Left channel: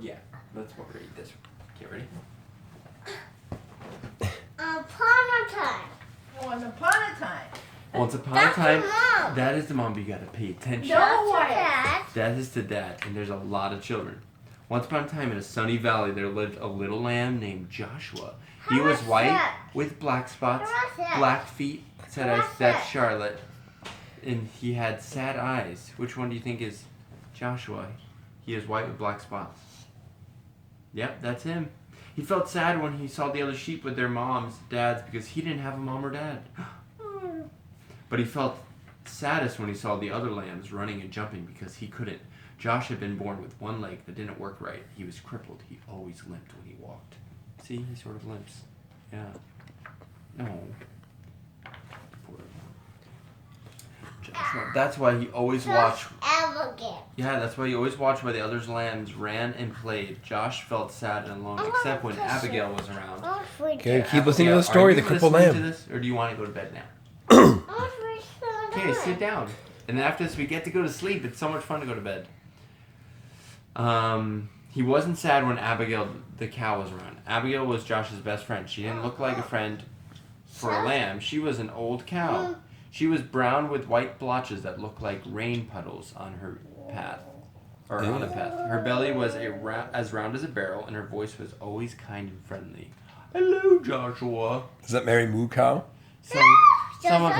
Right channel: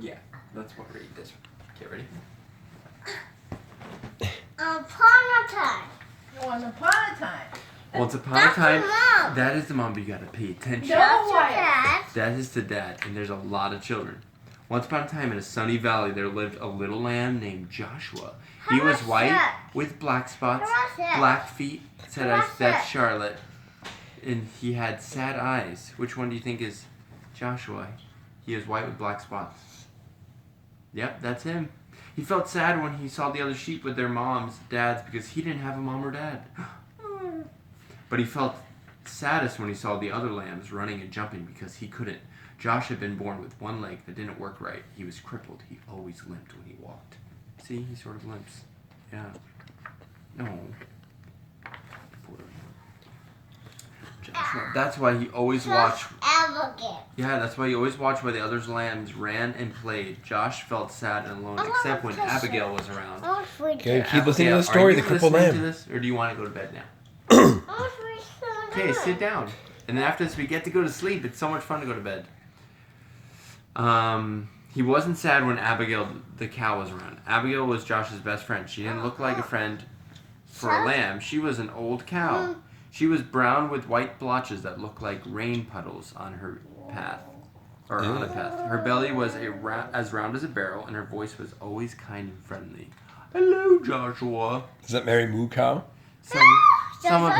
Yeah, let's read this. Okay, ready? Upon a time. Once upon a time. Once upon a time. That is the mom, but you gotta pay attention. No, That is to dad, and there's a lot of children. Once upon a time in a sunny valley there lived a little lamb named Joshua. He was white with black spots, black feet, that's Charlotte, and he had sad eyes. Which one do you think is Joshua? He is white with black spots. Yep, that's him. He felt sad when he saw the other sheep with their moms, dads, because he didn't have a mom or dad. But he felt saddest when he saw the other lambs running and jumping because he couldn't. Josh had been born with one leg that didn't work right. He was crippled. He always limped when he walked. See, he sort of limps. Yeah. No. Joshua. That's why he always watched. Yeah, that's why he always watched where the other lambs ran and played. Josh felt sad and alone, except when Abigail was around. Okay, keep listening to the story, the crippled lamb. To this, or do you want to go to bed now? Okay, sit down. And then after this, we get to go to sleep. It's so much fun to go to bed. He wasn't sad when Abigail, the cow, was around. Abigail was Josh's best friend. She didn't look like a friend for a lamb. She was an old cow. She was brown with white blotches that looked like rain puddles on her path. Or on a path. Her belly was as round as a barrel, and her voice was always kind and friendly. Hello, Joshua. Is that Mary Moo Cow? Some of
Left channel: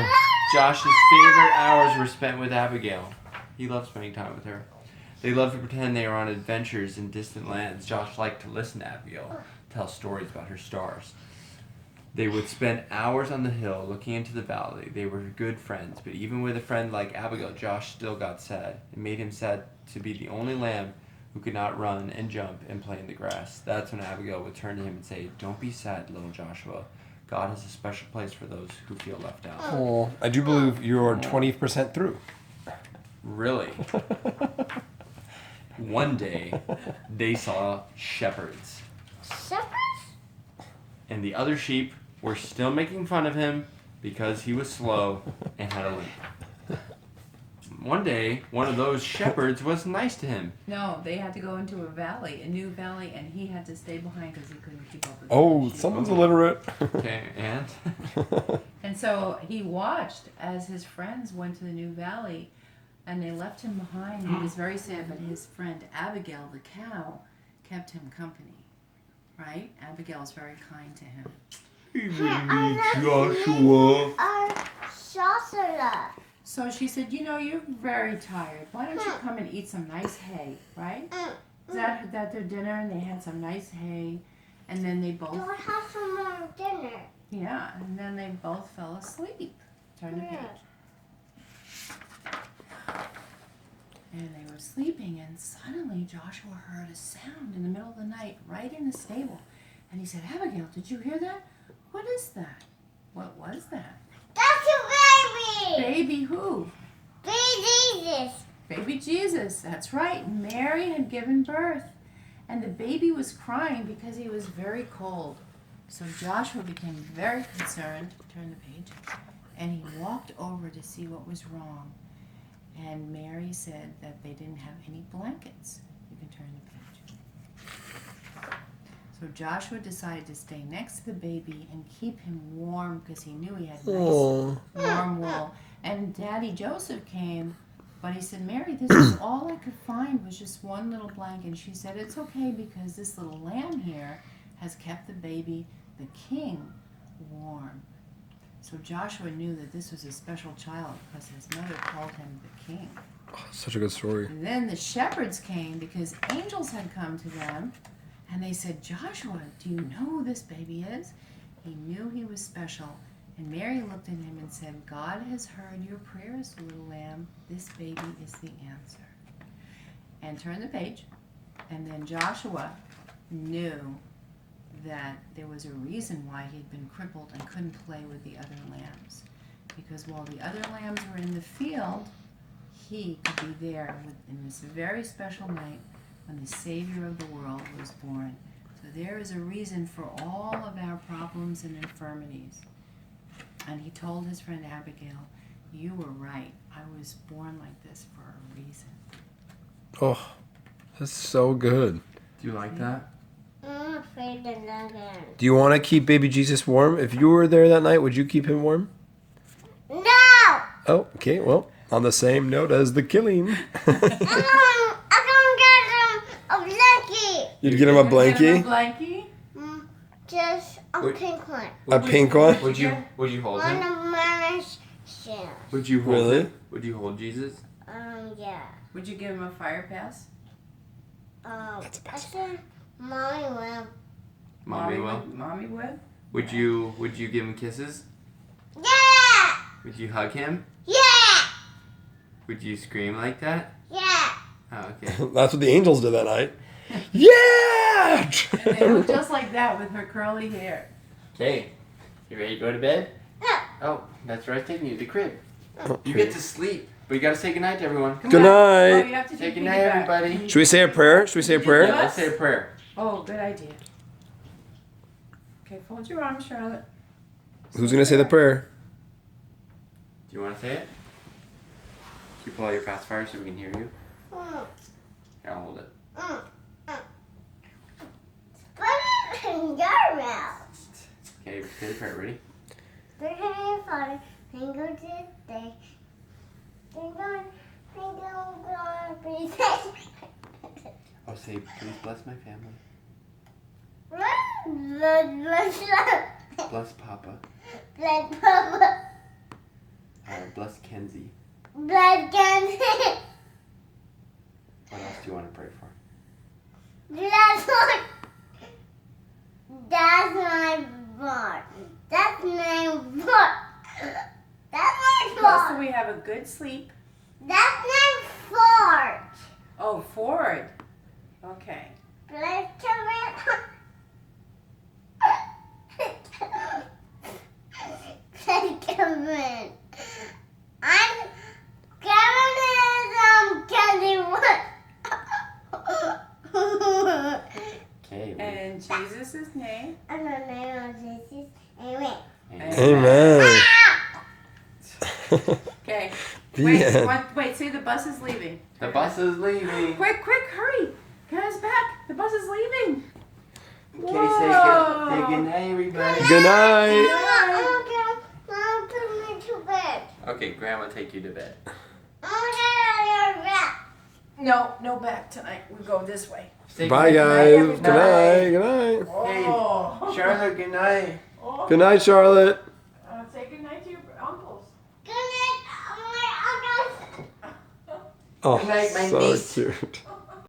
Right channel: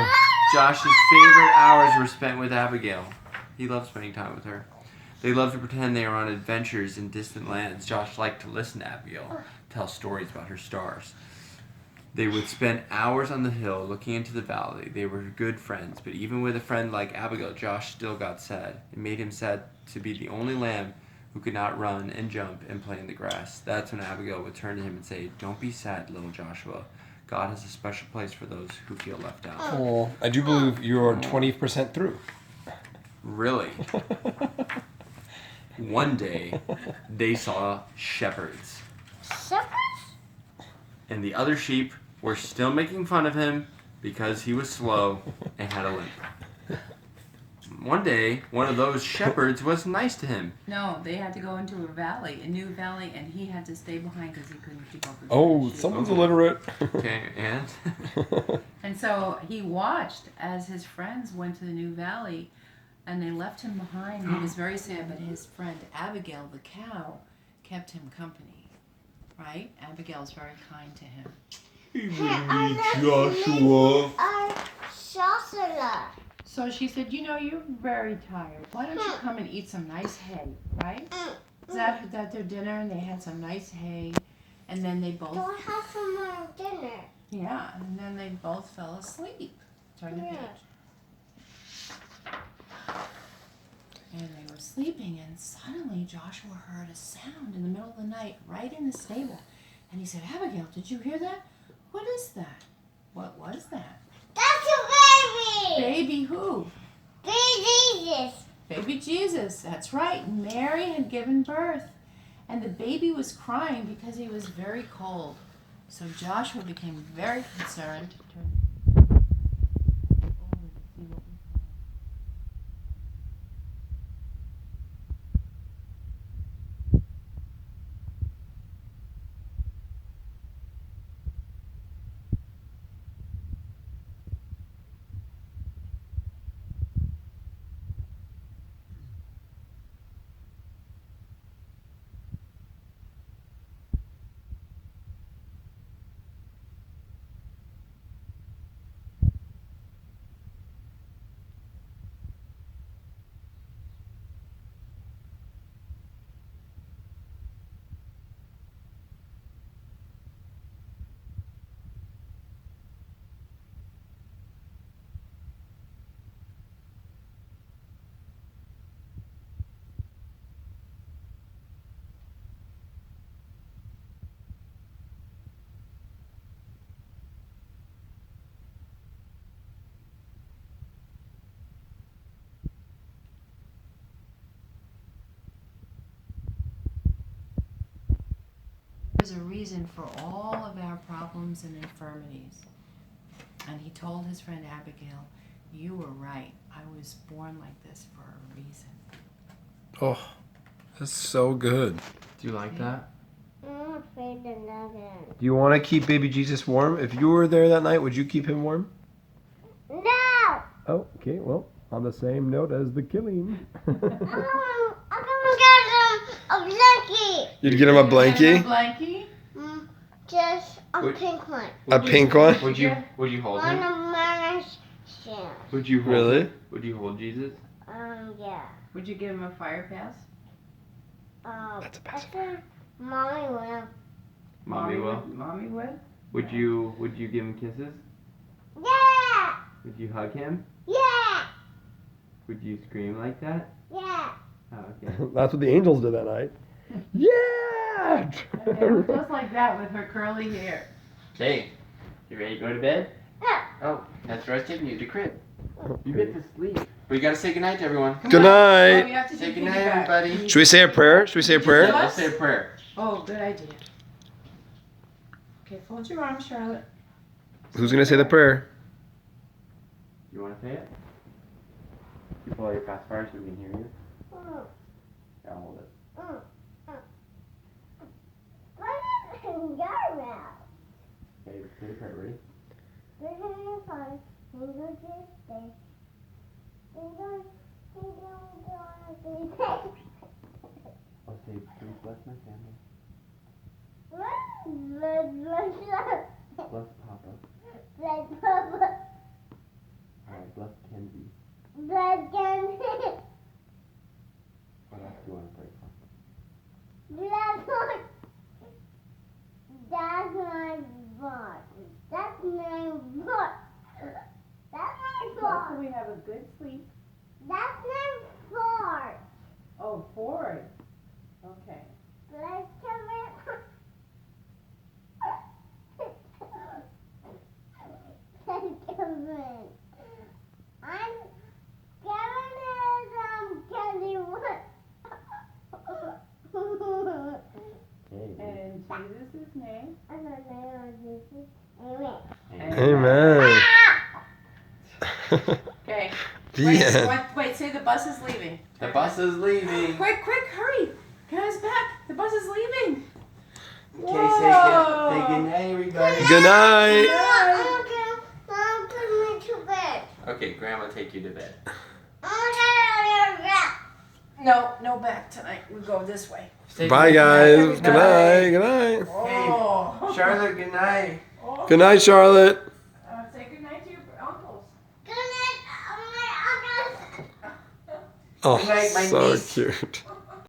Josh's favorite hours were spent with Abigail. He loved spending time with her. They loved to pretend they were on adventures in distant lands. Josh liked to listen to Abigail tell stories about her stars. They would spend hours on the hill looking into the valley. They were good friends, but even with a friend like Abigail, Josh still got sad. It made him sad to be the only lamb who could not run and jump and play in the grass. That's when Abigail would turn to him and say, "Don't be sad, little Joshua. God has a special place for those who feel left out." Oh, I do believe you're 20% through. Really? One day, they saw shepherds. Shepherds? And the other sheep were still making fun of him because he was slow and had a limp. One day, one of those shepherds was nice to him. No, they had to go into a valley, a new valley, and he had to stay behind because he couldn't keep up with Oh, the sheep. someone's illiterate. Okay, and? And so he watched as his friends went to the new valley, and they left him behind. He was very sad, but his friend Abigail, the cow, kept him company. Right? Abigail's very kind to him. Joshua. Joshua. So she said, "You know, you're very tired. Why don't you come and eat some nice hay, right?" Is that their dinner? And they had some nice hay, and then they both. Don't have some more dinner. Yeah, and then they both fell asleep. Turn the page. And they were sleeping, and suddenly Joshua heard a sound in the middle of the night, right in the stable. And he said, "Abigail, did you hear that? What is that? What was that?" That's a baby. Baby who? Baby Jesus. Baby Jesus, that's right. Mary had given birth. And the baby was crying because he was very cold. So Joshua became very concerned, turn the page, and he walked over to see what was wrong. And Mary said that they didn't have any blankets. You can turn the page. So Joshua decided to stay next to the baby and keep him warm because he knew he had nice warm wool. And Daddy Joseph came, but he said, "Mary, this is all I could find was just one little blanket." And she said, "It's okay because this little lamb here has kept the baby, the king, warm." So Joshua knew that this was a special child because his mother called him the king. Oh, such a good story. And then the shepherds came because angels had come to them, and they said, "Joshua, do you know who this baby is?" He knew he was special. And Mary looked at him and said, "God has heard your prayers, little lamb. This baby is the answer." And turn the page. And then Joshua knew that there was a reason why he'd been crippled and couldn't play with the other lambs. Because while the other lambs were in the field, he could be there in this very special night when the Savior of the world was born. So there is a reason for all of our problems and infirmities. And he told his friend Abigail, "You were right. I was born like this for a reason." Oh, that's so good. Do you like that? I'm afraid of nothing. Do you want to keep baby Jesus warm? If you were there that night, would you keep him warm? No! Oh, okay. Well, on the same note as the killing. I'm gonna get him a blankie. You'd get him a A blankie? blankie? Just a Wait. pink one. A pink one? Would you hold One him? of Mary's shoes. Would you hold Really? him? Would you hold Jesus? Yeah. Would you give him a fire pass? That's a I pacifier. said Mommy will. Mommy will. Mommy would? Would you give him kisses? Yeah! Would you hug him? Yeah! Would you scream like that? Yeah! Oh, okay. That's what the angels did that night. Yeah! And they look just like that with her curly hair. Okay. You ready to go to bed? No. Oh, that's where I was taking you, the crib. You get to sleep. But you gotta say goodnight to everyone. Come Good on. night. Oh, you have to Say take goodnight, piggyback. everybody. Should we say a prayer? Should we say a prayer? Yeah, let's say a prayer. Oh, good idea. Okay, fold your arms, Charlotte. Who's going to say the prayer? Do you want to say it? Can you pull out your pacifier so we can hear you? Mm. Here, I'll hold it. Put it in your mouth. Okay, say the prayer. Ready? We're having fun. Thank you this day. Thank you. Thank you, God. Please. Oh, say, please bless my family. Bless Papa. Blood Papa. Bless Kenzie. Blood Gun. What else do you want to pray for? That's one. That's my bar. That's my bar. That's my So bar. we have a good sleep. That's my fort. Oh, Ford. Okay. Let's come in. Let's come in. I'm Candy one. Okay. And Jesus' name. And the name of Jesus. Amen. Amen. Okay. The Wait, end. wait, say the bus is leaving. The bus is leaving. Quick, hurry. Guys, back. The bus is leaving. Okay, Whoa. say good night, everybody. Good night. Mom, put me to bed. Okay, Grandma, take you to bed. No back tonight. We go this way. Say Bye, good night, guys. everybody. Good night. Good night. Oh. Charlotte, good night. Oh. Good night, Charlotte. Say good night to your uncles. Good night, my uncles. Oh, Good night, my so niece. cute.